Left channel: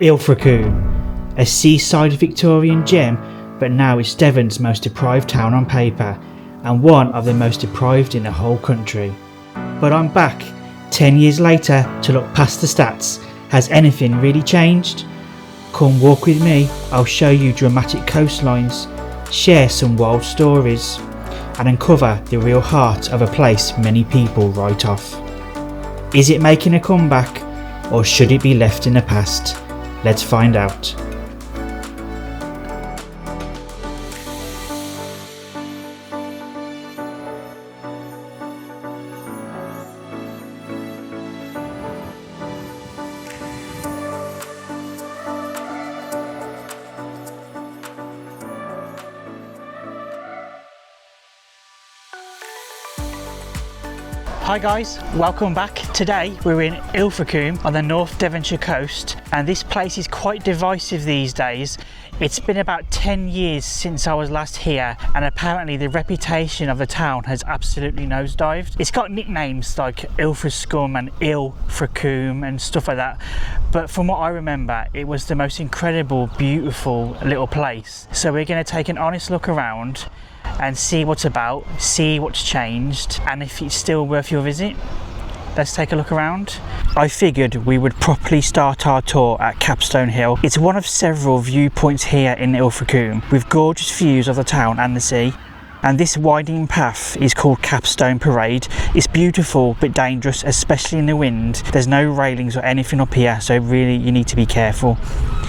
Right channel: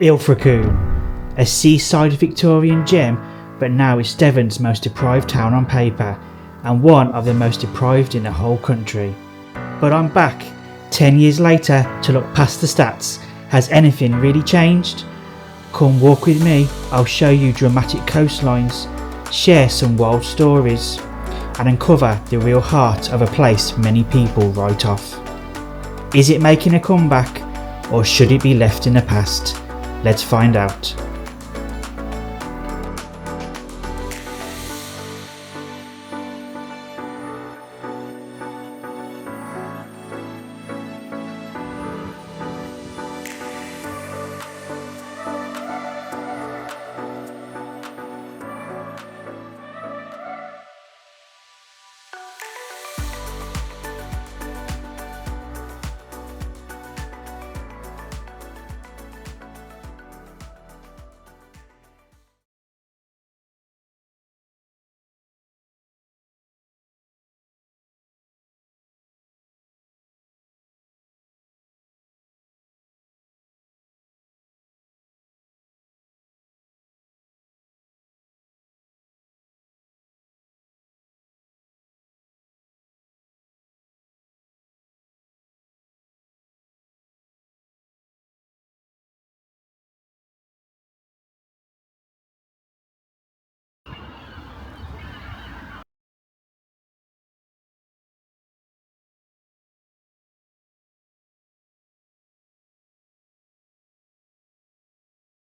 Ilfracombe, a seaside Victorian gem, but now it's Devon's most deprived town on paper and one of the most deprived in the whole country. But I'm back 10 years later to look past the stats. Has anything really changed? Come walk with me, I'll show you dramatic coastlines, share some wild stories and uncover the real heart of a place many people write off. Is it making a comeback or should it be left in the past? Let's find out. Hi guys, welcome back. Today we're in Ilfracombe on the North Devonshire coast, and this place is quite divisive these days. It's been about 10 years since I was last here, and apparently the reputation of the town has absolutely nosedived. It's got nicknames like Ilfracombe and Ilfracombe and stuff like that, but from what I remember it was the most incredible, beautiful little place. So we're going to take an honest look around and see what's about, see what's changed, and if it's still worth your visit. Let's take a look around. I figured we would properly start our tour at Capstone Hill. It's one of several viewpoints here in Ilfracombe with gorgeous views of the town and the sea. And this winding path is called Capstone Parade. It's beautiful but dangerous, especially in the wind. There's no railings or anything up here, so really you need to be careful.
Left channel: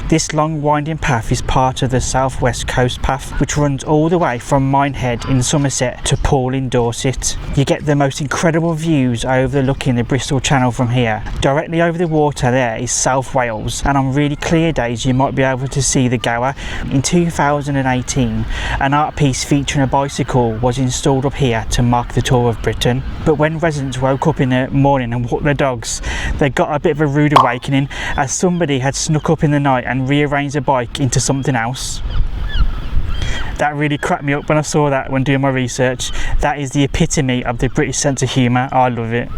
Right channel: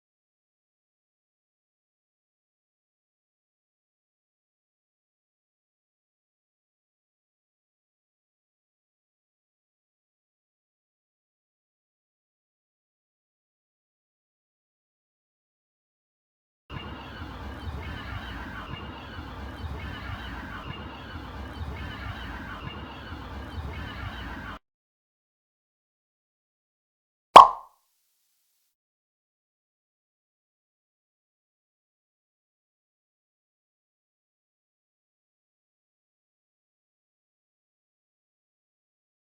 This long winding path is part of the South West Coast Path, which runs all the way from Minehead in Somerset to Poole in Dorset. You get the most incredible views overlooking the Bristol Channel from here. Directly over the water there is South Wales, and on really clear days you might be able to see the Gower. In 2018, an art piece featuring a bicycle was installed up here to mark the tour of Britain. But when residents woke up in the morning and walked their dogs, they got a bit of a rude awakening as somebody had snuck up in the night and rearranged a bike into something else. That really cracked me up when I saw that when doing my research. That is the epitome of the British sense of humour. I love it.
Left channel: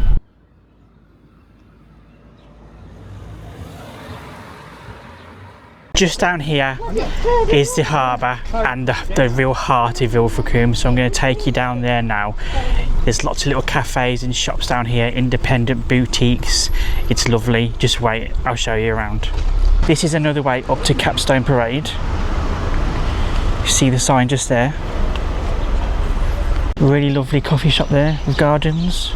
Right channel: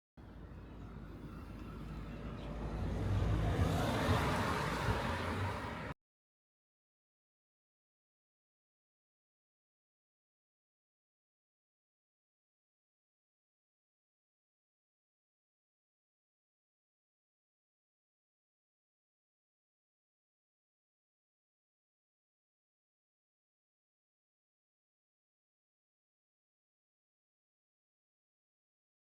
Just down here is the harbour and the real heart of Ilfracombe, so I'm going to take you down there now. There's lots of little cafes and shops down here, independent boutiques. It's lovely. Just wait, I'll show you around. This is another way up to Capstone Parade. You see the sign just there. Really lovely coffee shop there with gardens.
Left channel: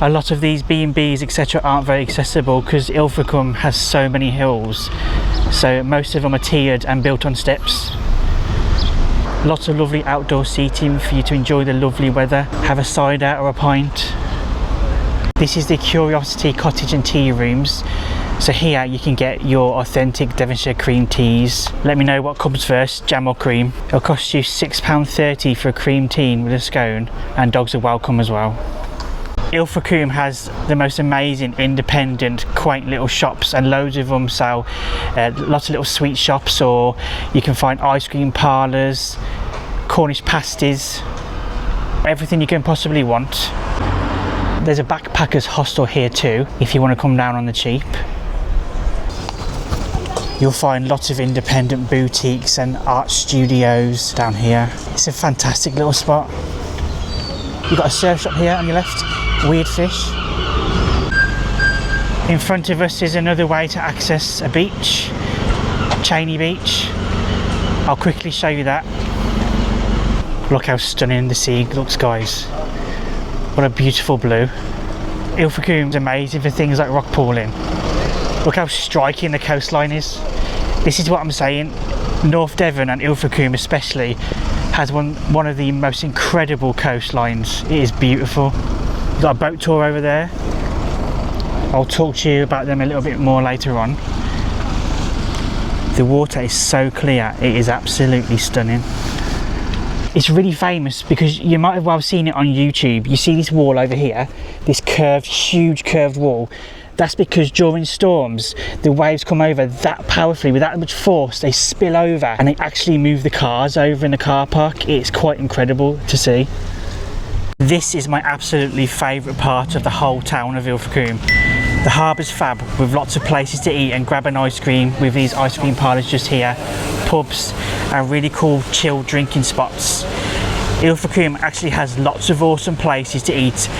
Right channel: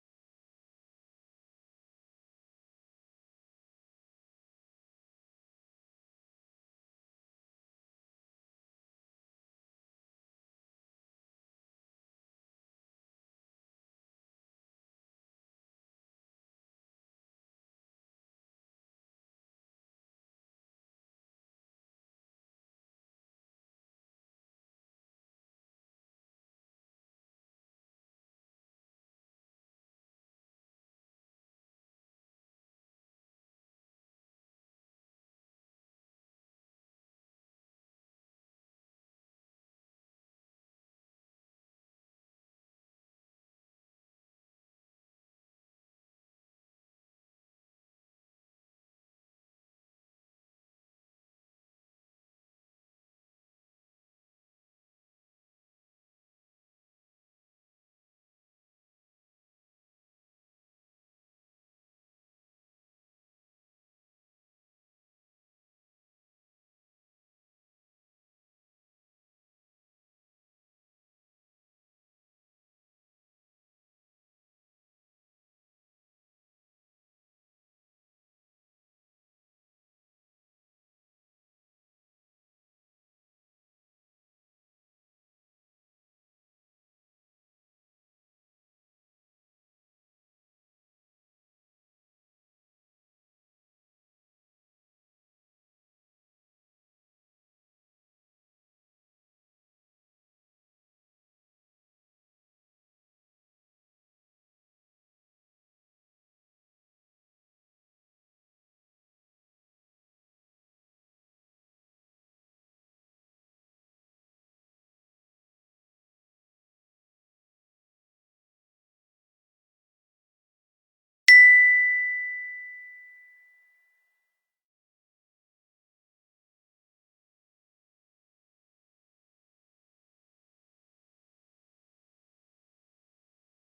A lot of these B&Bs etc aren't very accessible because Ilfracombe has so many hills, so most of them are tiered and built on steps. Lots of lovely outdoor seating for you to enjoy the lovely weather, have a cider or a pint. This is the Curiosity Cottage and Tea Rooms. So here you can get your authentic Devonshire cream teas. Let me know what comes first, jam or cream. It'll cost you £6.30 for a cream tea with a scone, and dogs are welcome as well. Ilfracombe has the most amazing independent quaint little shops, and loads of them sell lots of little sweet shops, or you can find ice cream parlours, Cornish pasties, everything you can possibly want. There's a backpackers hostel here too if you want to come down on the cheap. You'll find lots of independent boutiques and art studios down here. It's a fantastic little spot. You've got a surf shop here on your left, Weird Fish. In front of us is another way to access a beach, Cheney Beach. I'll quickly show you that. Look how stunning the sea looks, guys. What a beautiful blue. Ilfracombe's amazing for things like rock pooling. Look how striking the coastline is. This is what I'm saying. North Devon and Ilfracombe especially has one of the most incredible coastlines. It is beautiful. We've got a boat tour over there. I'll talk to you about them a little bit more later on. The water is so clear, it is absolutely stunning. It's really famous because you might have well seen it on YouTube. You see this wall over here, this curved, huge curved wall. That's because during storms, the waves come over that powerfully, with that much force, they spill over and they actually move the cars over in the car park. It's quite incredible to see. This is my absolutely favourite part of the whole town of Ilfracombe. The harbour's fab, with lots of places to eat and grab an ice cream with these ice cream parlours just here, pubs and really cool chill drinking spots. Ilfracombe actually has lots of awesome places to eat,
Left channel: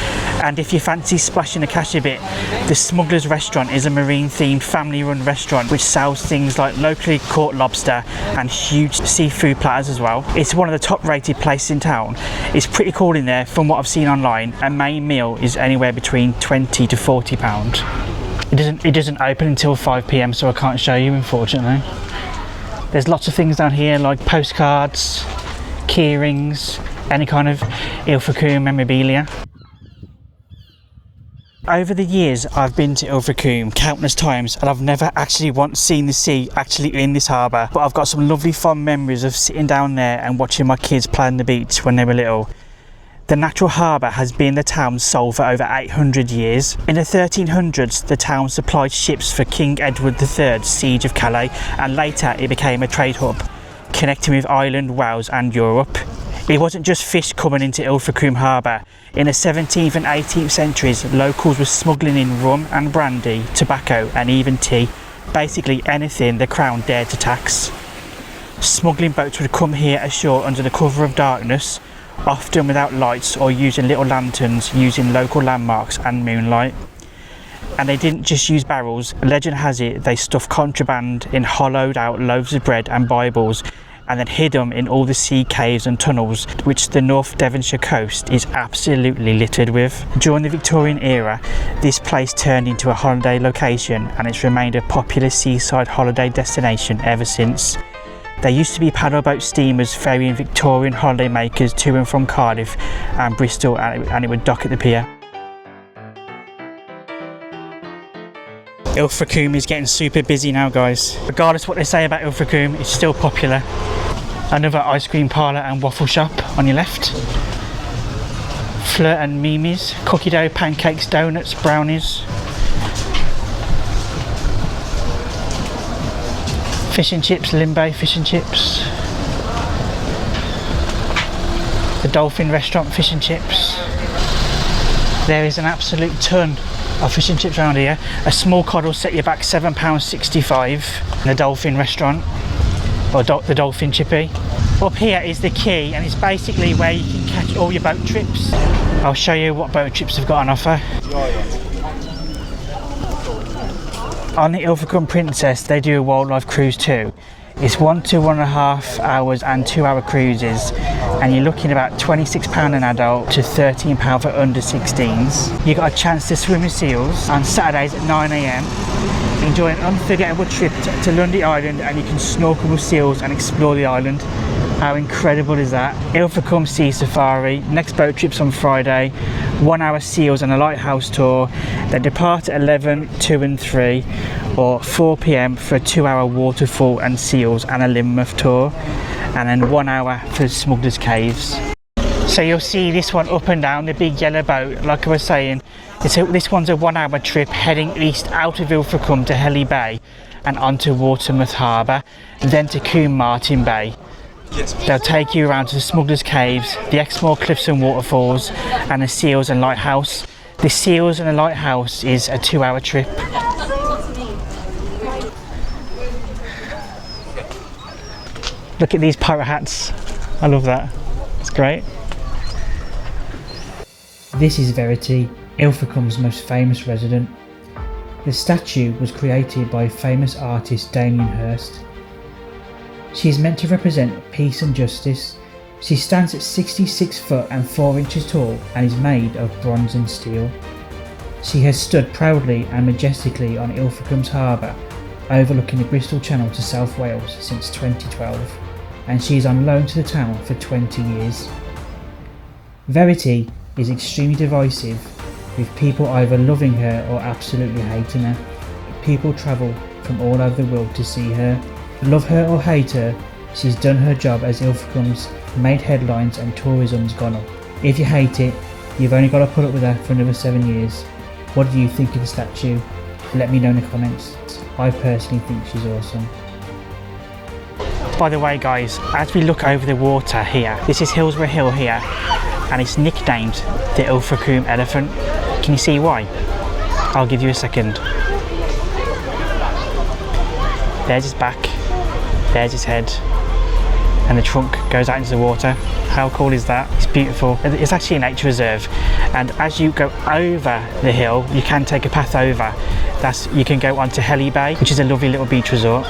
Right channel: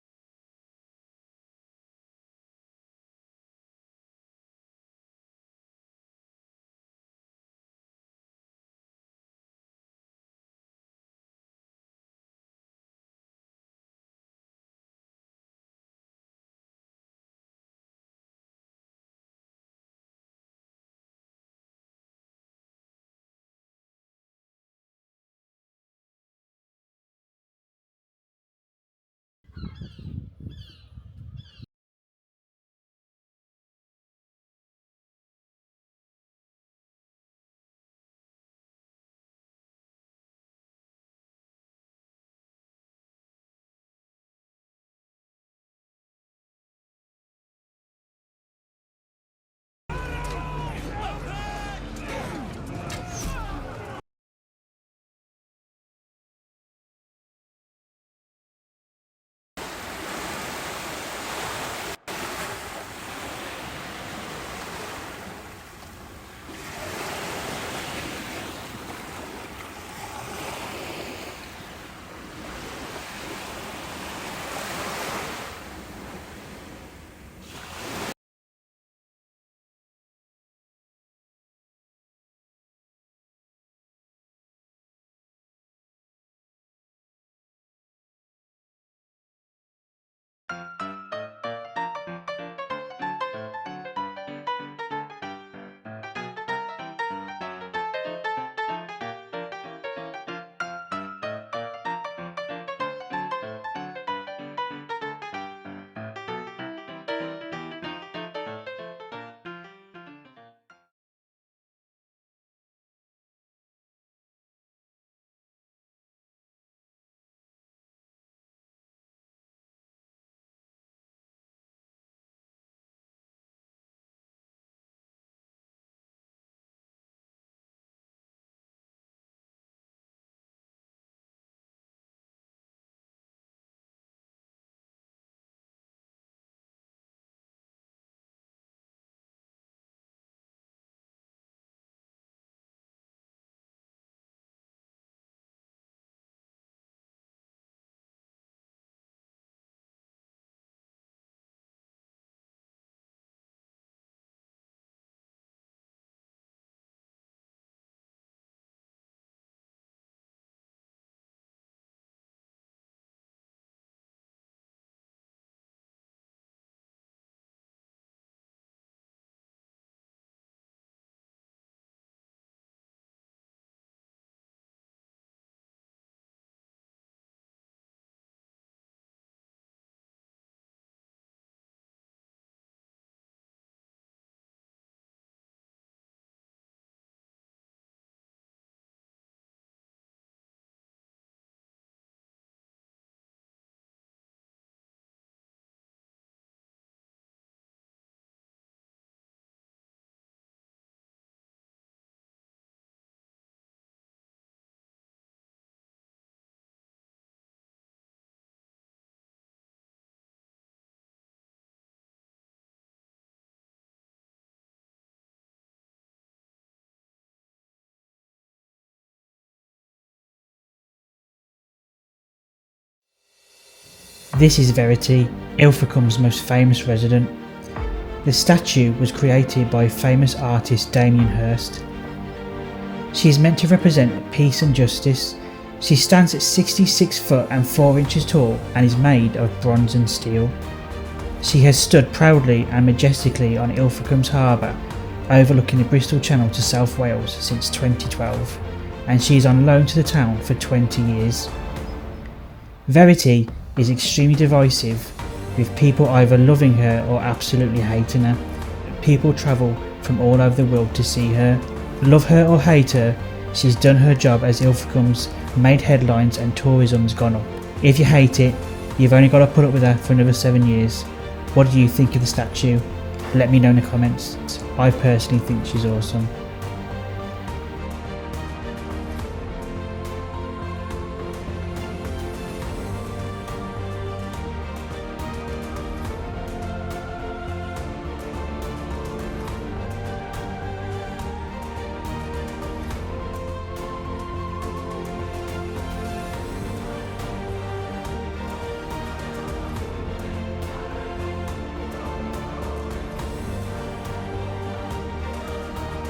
and if you fancy splashing the cash a bit, the Smuggler's restaurant is a marine themed family run restaurant which sells things like locally caught lobster and huge seafood platters as well. It's one of the top rated places in town. It's pretty cool in there from what I've seen online. A main meal is anywhere between £20 to £40. It doesn't open until 5 PM, so I can't show you, unfortunately. There's lots of things down here like postcards, key rings, any kind of Ilfracombe memorabilia. Over the years I've been to Ilfracombe countless times and I've never actually once seen the sea actually in this harbour, but I've got some lovely fond memories of sitting down there and watching my kids play on the beach when they were little. The natural harbour has been the town's soul for over 800 years. In the 1300s, the town supplied ships for King Edward III's siege of Calais, and later it became a trade hub, connecting with Ireland, Wales and Europe. It wasn't just fish coming into Ilfracombe Harbour. In the 17th and 18th centuries, locals were smuggling in rum and brandy, tobacco and even tea. Basically anything the Crown dared to tax. Smuggling boats would come here ashore under the cover of darkness, often without lights or using little lanterns, using local landmarks and moonlight. And they didn't just use barrels. Legend has it they stuffed contraband in hollowed out loaves of bread and Bibles, and then hid them in all the sea caves and tunnels which the North Devonshire coast is absolutely littered with. During the Victorian era, this place turned into a holiday location, and it's remained a popular seaside holiday destination ever since. There used to be paddleboat steamers ferrying Victorian holidaymakers to and from Cardiff and Bristol, and it would dock at the pier. Ilfracombe is getting super busy now, guys. Regardless what they say about Ilfracombe, it's still popular. Another ice cream parlour and waffle shop on your left. Fleur and Mimi's, cookie dough, pancakes, donuts, brownies. Fish and chips, Limbe fish and chips. The Dolphin restaurant, fish and chips. There is an absolute ton of fish and chips around here. A small cod will set you back £7.65 in the Dolphin restaurant, or the Dolphin chippy. Up here is the quay, and it's basically where you can catch all your boat trips. I'll show you what boat trips have got on offer. On the Ilfracombe Princess, they do a wildlife cruise too. It's 1 to 1.5 hours and 2 hour cruises, and you're looking about £26 an adult to £13 for under 16s. You got a chance to swim with seals on Saturdays at 9 AM. Enjoy an unforgettable trip to Lundy Island, and you can snorkel with seals and explore the island. How incredible is that? Ilfracombe Sea Safari, next boat trips on Friday, 1 hour seals and a lighthouse tour. They depart at 11, 2 and 3, or 4 PM for a 2 hour waterfall and seals and a Wildermouth tour, and then 1 hour for Smuggler's Caves. So you'll see this one up and down, the big yellow boat, like I was saying. This one's a 1 hour trip heading east out of Ilfracombe to Helly Bay and onto Wildermouth Harbour, then to Combe Martin Bay. They'll take you around to the Smuggler's Caves, the Exmoor Cliffs and Waterfalls, and the Seals and Lighthouse. The Seals and the Lighthouse is a 2 hour trip. Look at these pirate hats. I love that. It's great. This is Verity, Ilfracombe's most famous resident. The statue was created by famous artist Damien Hirst. She is meant to represent peace and justice. She stands at 66 foot and 4 inches tall and is made of bronze and steel. She has stood proudly and majestically on Ilfracombe's harbour, overlooking the Bristol Channel to South Wales since 2012, and she is on loan to the town for 20 years. Verity is extremely divisive, with people either loving her or absolutely hating her. People travel from all over the world to see her. Love her or hate her, she's done her job as Ilfracombe's made headlines and tourism's gone up. If you hate it, you've only got to put up with her for another 7 years. What do you think of the statue? Let me know in the comments. I personally think she's awesome. By the way guys, as we look over the water here, this is Hillsborough Hill here, and it's nicknamed the Ilfracombe elephant. Can you see why? I'll give you a second. There's his back, there's his head, and the trunk goes out into the water. How cool is that? It's beautiful. It's actually a nature reserve, and as you go over the hill, you can take a path over. You can go onto Helly Bay, which is a lovely little beach resort.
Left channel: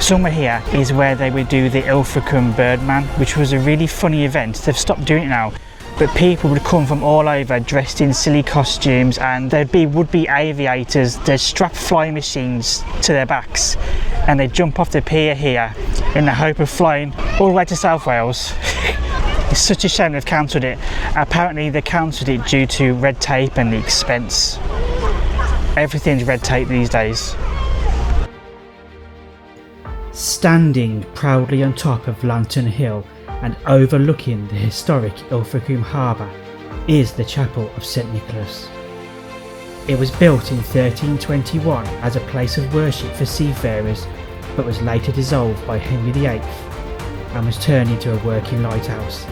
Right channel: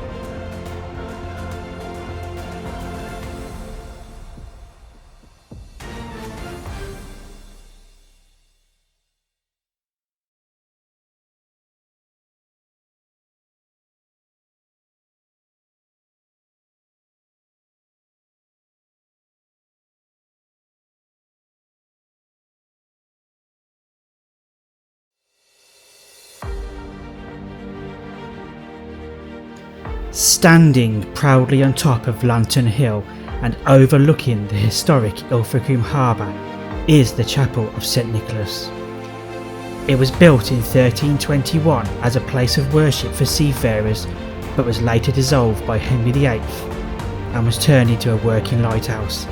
Somewhere here is where they would do the Ilfracombe Birdman, which was a really funny event. They've stopped doing it now, but people would come from all over dressed in silly costumes, and there'd be would-be aviators. They'd strap flying machines to their backs, and they'd jump off the pier here in the hope of flying all the way to South Wales. It's such a shame they've cancelled it. Apparently they cancelled it due to red tape and the expense. Everything's red tape these days. Standing proudly on top of Lantern Hill and overlooking the historic Ilfracombe Harbour is the Chapel of St Nicholas. It was built in 1321 as a place of worship for seafarers, but was later dissolved by Henry VIII and was turned into a working lighthouse,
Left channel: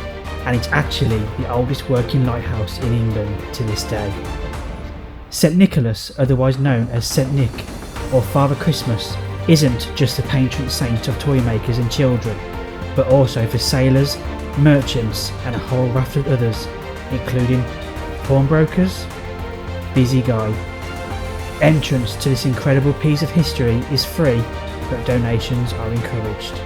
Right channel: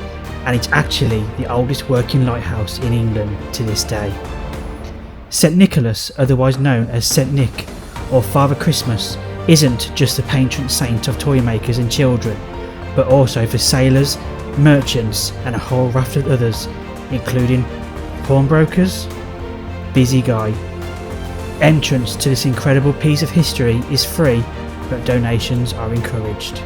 and it's actually the oldest working lighthouse in England to this day. St Nicholas, otherwise known as St Nick or Father Christmas, isn't just the patron saint of toy makers and children, but also for sailors, merchants and a whole raft of others, including pawnbrokers. Busy guy. Entrance to this incredible piece of history is free, but donations are encouraged.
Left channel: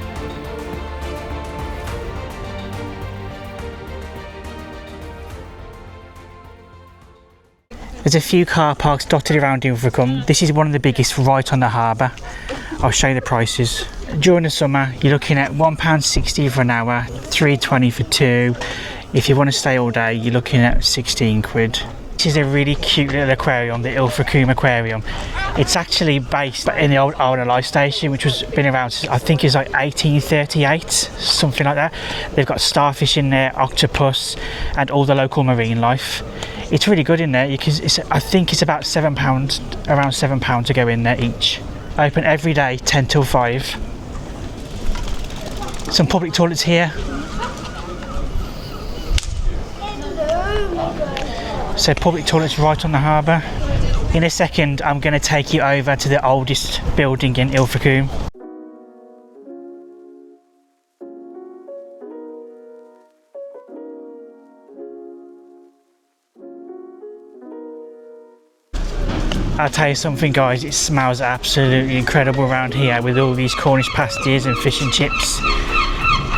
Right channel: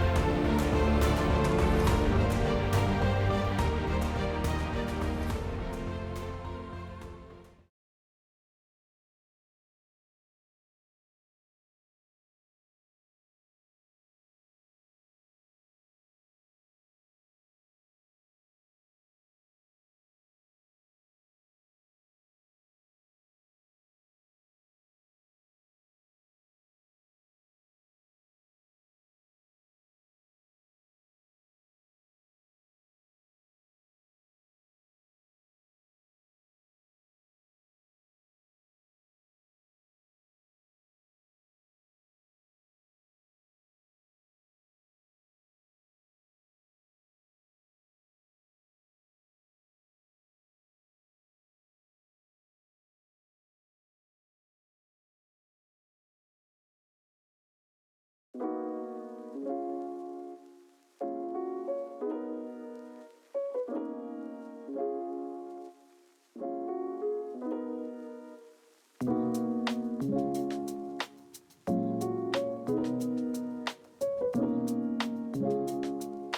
There's a few car parks dotted around Ilfracombe. This is one of the biggest right on the harbour. I'll show you the prices. During the summer, you're looking at £1.60 for an hour, £3.20 for two. If you want to stay all day, you're looking at 16 quid. This is a really cute little aquarium, the Ilfracombe Aquarium. It's actually based in the old RNLI station, which has been around, I think it's like 1838, something like that. They've got starfish in there, octopus, and all the local marine life. It's really good in there. I think it's about £7, around £7 to go in there each. Open every day, 10 till 5. Some public toilets here. So public toilets right on the harbour. In a second, I'm going to take you over to the oldest building in Ilfracombe. I'll tell you something guys, it smells absolutely incredible around here with all these Cornish pasties and fish and chips.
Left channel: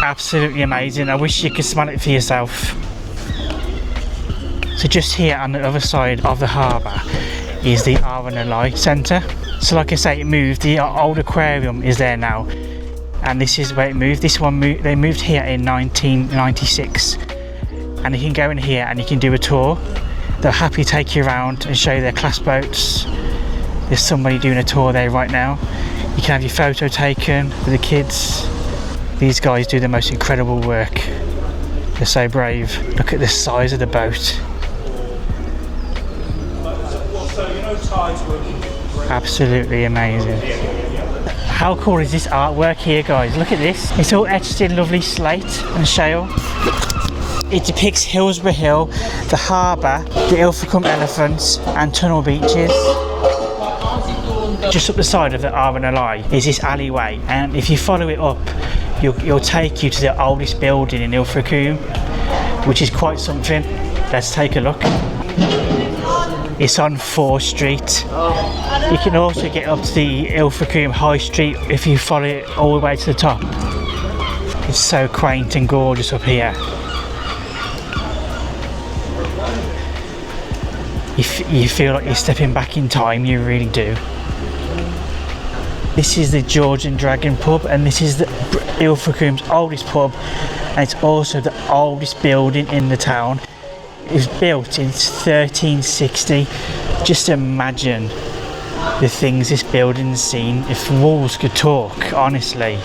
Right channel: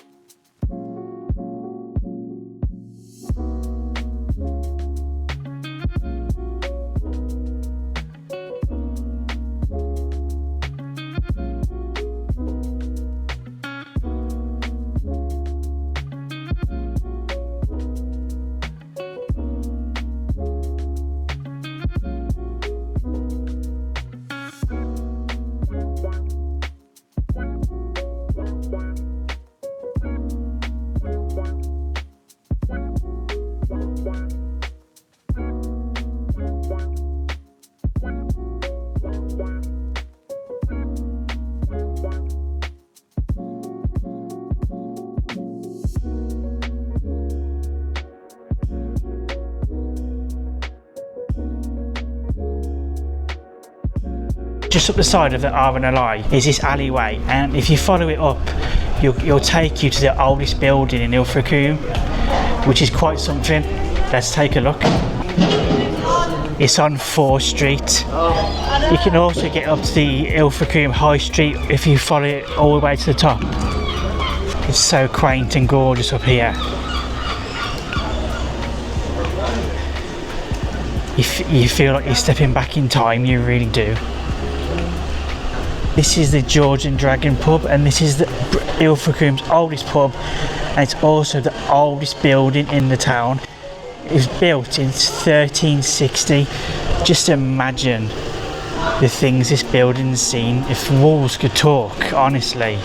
Absolutely amazing. I wish you could smell it for yourself. So just here on the other side of the harbour is the RNLI Centre. So like I say, it moved. The old aquarium is there now, and this is where it moved. They moved here in 1996, and you can go in here and you can do a tour. They'll happily take you around and show you their class boats. There's somebody doing a tour there right now. You can have your photo taken with the kids. These guys do the most incredible work. They're so brave. Look at the size of the boat. Absolutely amazing. How cool is this artwork here guys? Look at this. It's all etched in lovely slate and shale. It depicts Hillsborough Hill, the harbour, the Ilfracombe elephants and tunnel beaches. Just up the side of the RNLI is this alleyway, and if you follow it up, you'll take you to the oldest building in Ilfracombe, which is quite something. Let's take a look. It's on 4th Street. You can also get up to the Ilfracombe High Street if you follow it all the way to the top. It's so quaint and gorgeous up here. You feel like you're stepping back in time, you really do. This is the George and Dragon pub, and this is the Ilfracombe's oldest pub, and it's also the oldest building in the town. It was built in 1360. Just imagine the things this building's seen. If walls could talk, honestly.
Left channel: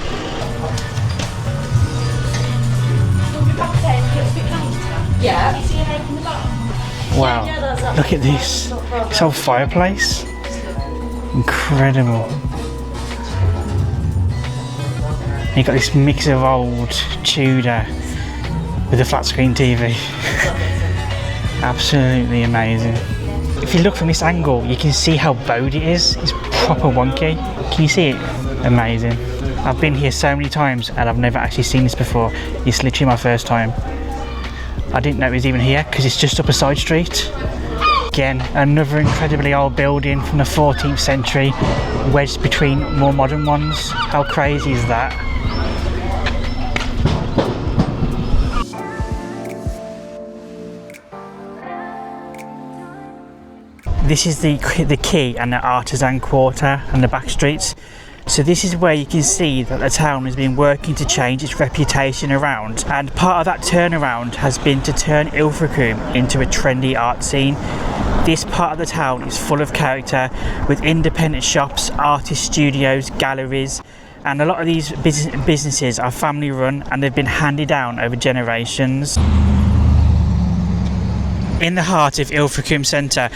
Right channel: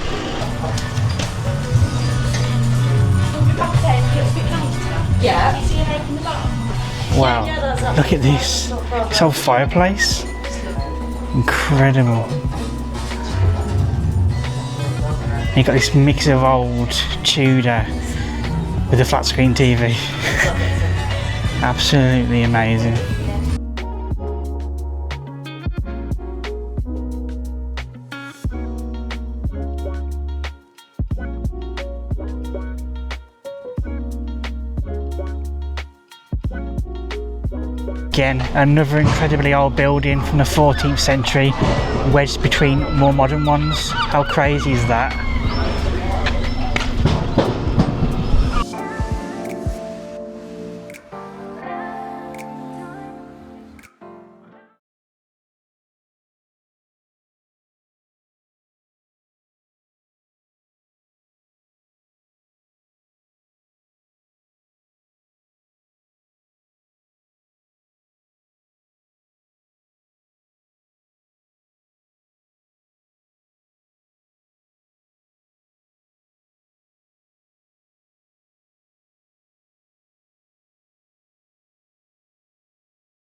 Yeah. Wow, look at this. This old fireplace. Incredible. You got this mix of old Tudor with a flat screen TV. Absolutely amazing. If you look from this angle, you can see how bowed it is. It's proper wonky. Can you see it? Amazing. I've been here so many times and I've never actually seen this before. It's literally my first time. I didn't know it was even here because it's just up a side street. Again, another incredibly old building from the 14th century, wedged between more modern ones. How crazy is that? This is the quay and the artisan quarter and the back streets. So this is where you can see that the town has been working to change its reputation around, and part of that turnaround has been to turn Ilfracombe into a trendy art scene. This part of the town is full of character, with independent shops, artist studios, galleries, and a lot of these businesses are family run and they've been handed down over generations. In the heart of Ilfracombe Centre,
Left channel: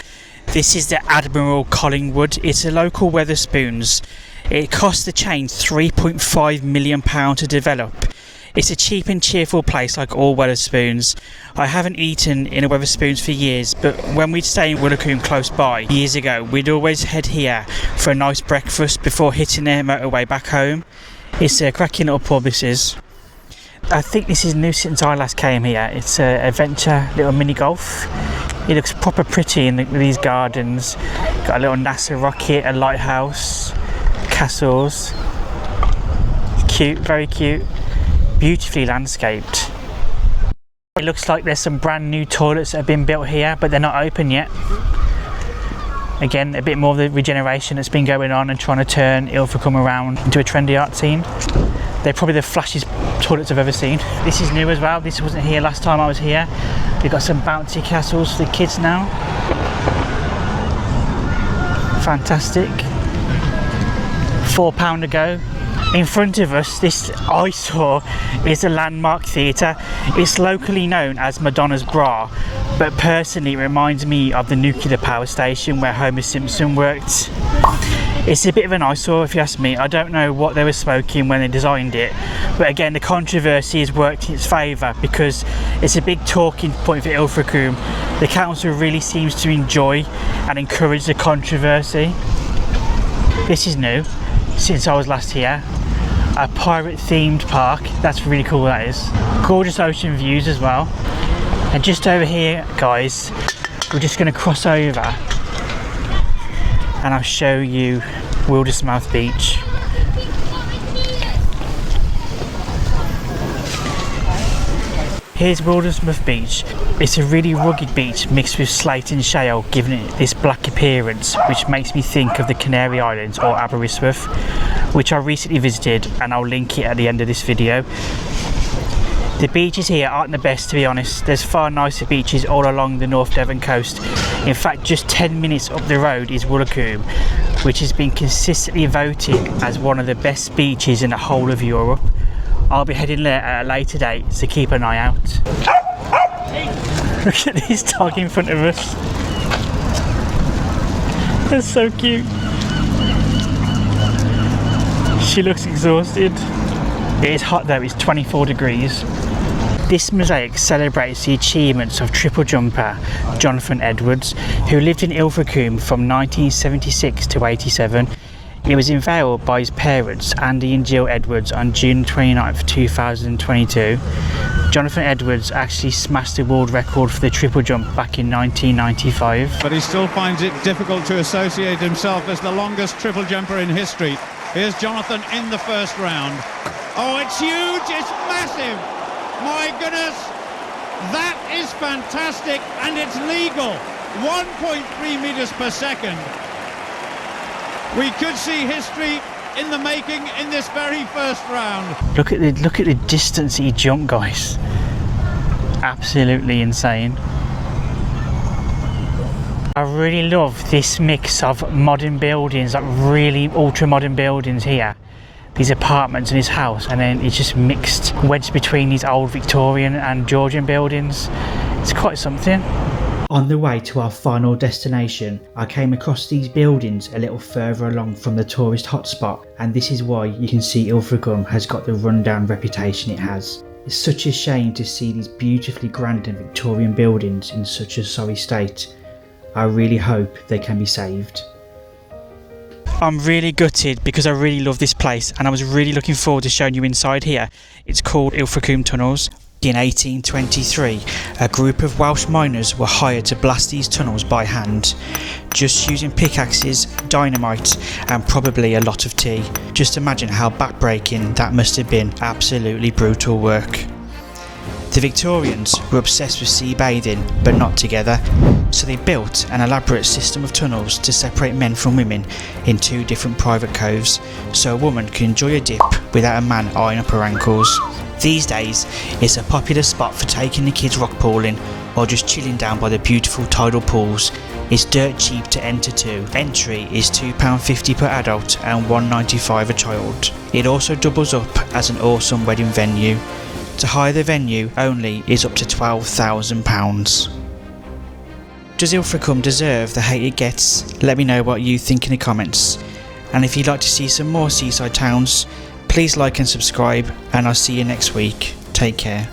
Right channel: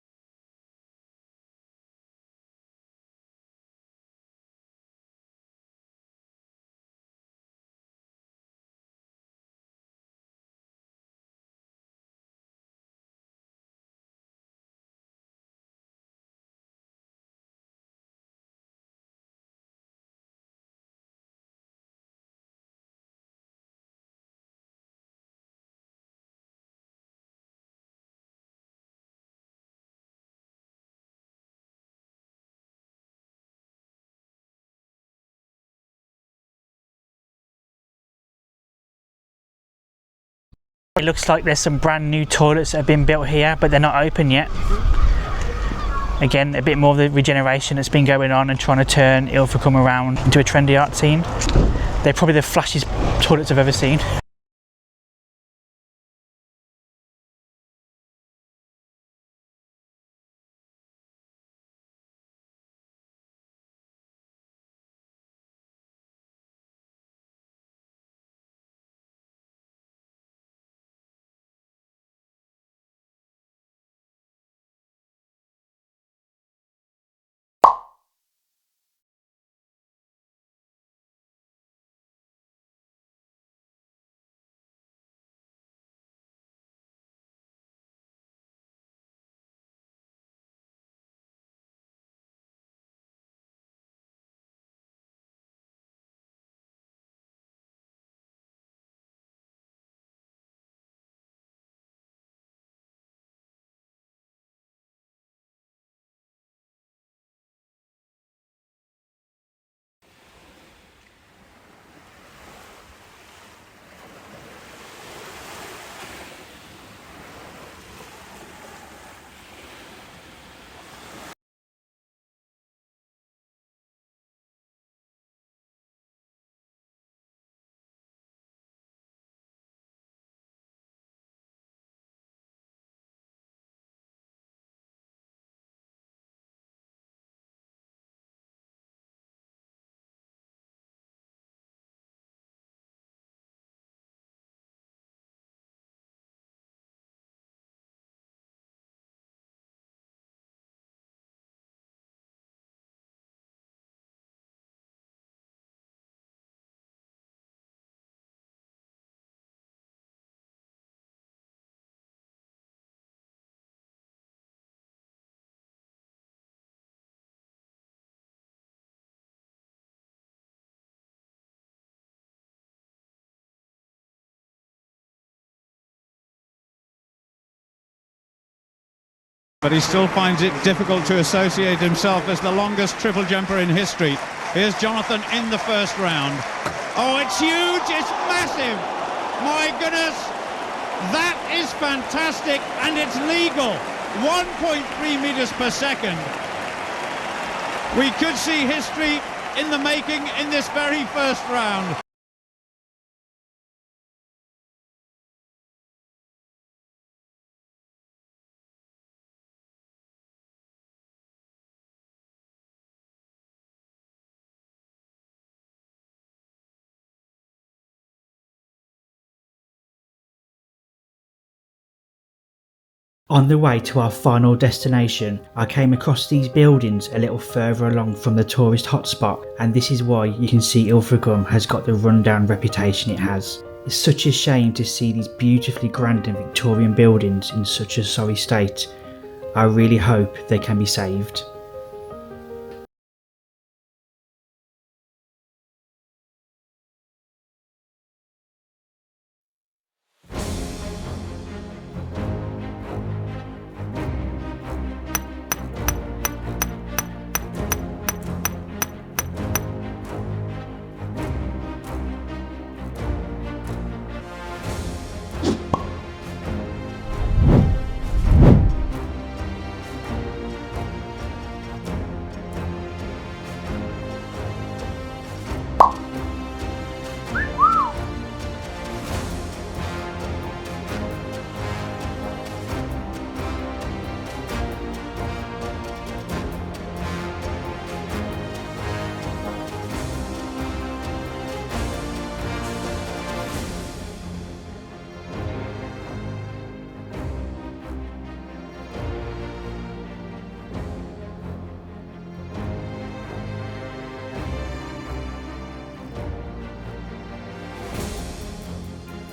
this is the Admiral Collingwood. It's a local Wetherspoons. It cost the chain £3.5 million to develop. It's a cheap and cheerful place like all Wetherspoons. I haven't eaten in a Wetherspoons for years, but when we'd stay in Wildermouth close by years ago, we'd always head here for a nice breakfast before hitting the motorway back home. It's a cracking little pub, this is. I think this is new since I last came here. It's an adventure little mini golf. It looks proper pretty in these gardens. Got a little NASA rocket, a lighthouse, castles. Cute, very cute. Beautifully landscaped. It looks like there's some brand new toilets that have been built here, but they're not open yet. Again, a bit more of the regeneration that's been going on and trying to turn Ilfracombe around into a trendy art scene. They're probably the flashiest toilets I've ever seen. This is new as well. This wasn't here last time I was here. We've got some bouncy castles for the kids now. Fantastic. £4 a go. In front of us, this eyesore is a landmark theatre. It's locally known as Madonna's Bra, but personally it reminds me of the nuclear power station where Homer Simpson worked. It's a bit of an eyesore if you ask me. I don't know what they were smoking when they designed it, but again the controversy has worked in its favour because it's a big talking point for Ilfracombe. The council really seems to enjoy and encourage the controversy. This is new since I was last here. A pirate themed park, that's really cool, that is. Gorgeous ocean views as well. And just over here guys, we're just going to cross over and I'll show you Wildermouth Beach. Here's Wildermouth Beach. It's a really rugged beach mixed with slate and shale, giving it this black appearance, which makes me think of the Canary Islands or Aberystwyth, which I recently visited, and I'll link it at the end of this video. The beaches here aren't the best, to be honest. There's far nicer beaches all along the North Devon coast. In fact, just 10 minutes up the road is Wildermouth, which has been consistently voted as one of the best beaches in the whole of Europe. I'll be heading there at a later date, so keep an eye out. Look at this dog in front of us. That's so cute. She looks exhausted. It is hot though, it's 24 degrees. This mosaic celebrates the achievements of triple jumper Jonathan Edwards, who lived in Ilfracombe from 1976 to 87. He was unveiled by his parents, Andy and Jill Edwards, on June 29, 2022. Jonathan Edwards actually smashed the world record for the triple jump back in 1995. But he still finds it difficult to associate himself as the longest triple jumper in history. Here's Jonathan in the first round. Oh, it's huge, it's massive. My goodness, that is fantastic, and it's legal. 1.3 meters per second. We could see history in the making in this very first round. Look at the distance he jumped, guys. Absolutely insane. I really love this mix of modern buildings, like really ultra modern buildings here. These apartments and his house, and then it's just mixed, wedged between these old Victorian and Georgian buildings. It's quite something. On the way to our final destination, I came across these buildings a little further along from the tourist hotspot, and this is why you can see Ilfracombe has got the rundown reputation it has. It's such a shame to see these beautifully grand and Victorian buildings in such a sorry state. I really hope they can be saved. I'm really gutted because I really love this place and I was really looking forward to showing you inside here. It's called Ilfracombe Tunnels. In 1823, a group of Welsh miners were hired to blast these tunnels by hand, just using pickaxes, dynamite and probably a lot of tea. Just imagine how backbreaking that must have been. Absolutely brutal work. The Victorians were obsessed with sea bathing, but not together, so they built an elaborate system of tunnels to separate men from women in 2 different private coves, so a woman could enjoy a dip without a man eyeing up her ankles. These days, it's a popular spot for taking the kids rock pooling or just chilling down by the beautiful tidal pools. It's dirt cheap to enter too. Entry is £2.50 per adult and £1.95 a child. It also doubles up as an awesome wedding venue. To hire the venue only is up to £12,000. Does Ilfracombe deserve the hate it gets? Let me know what you think in the comments. And if you'd like to see some more seaside towns, please like and subscribe, and I'll see you next week. Take care.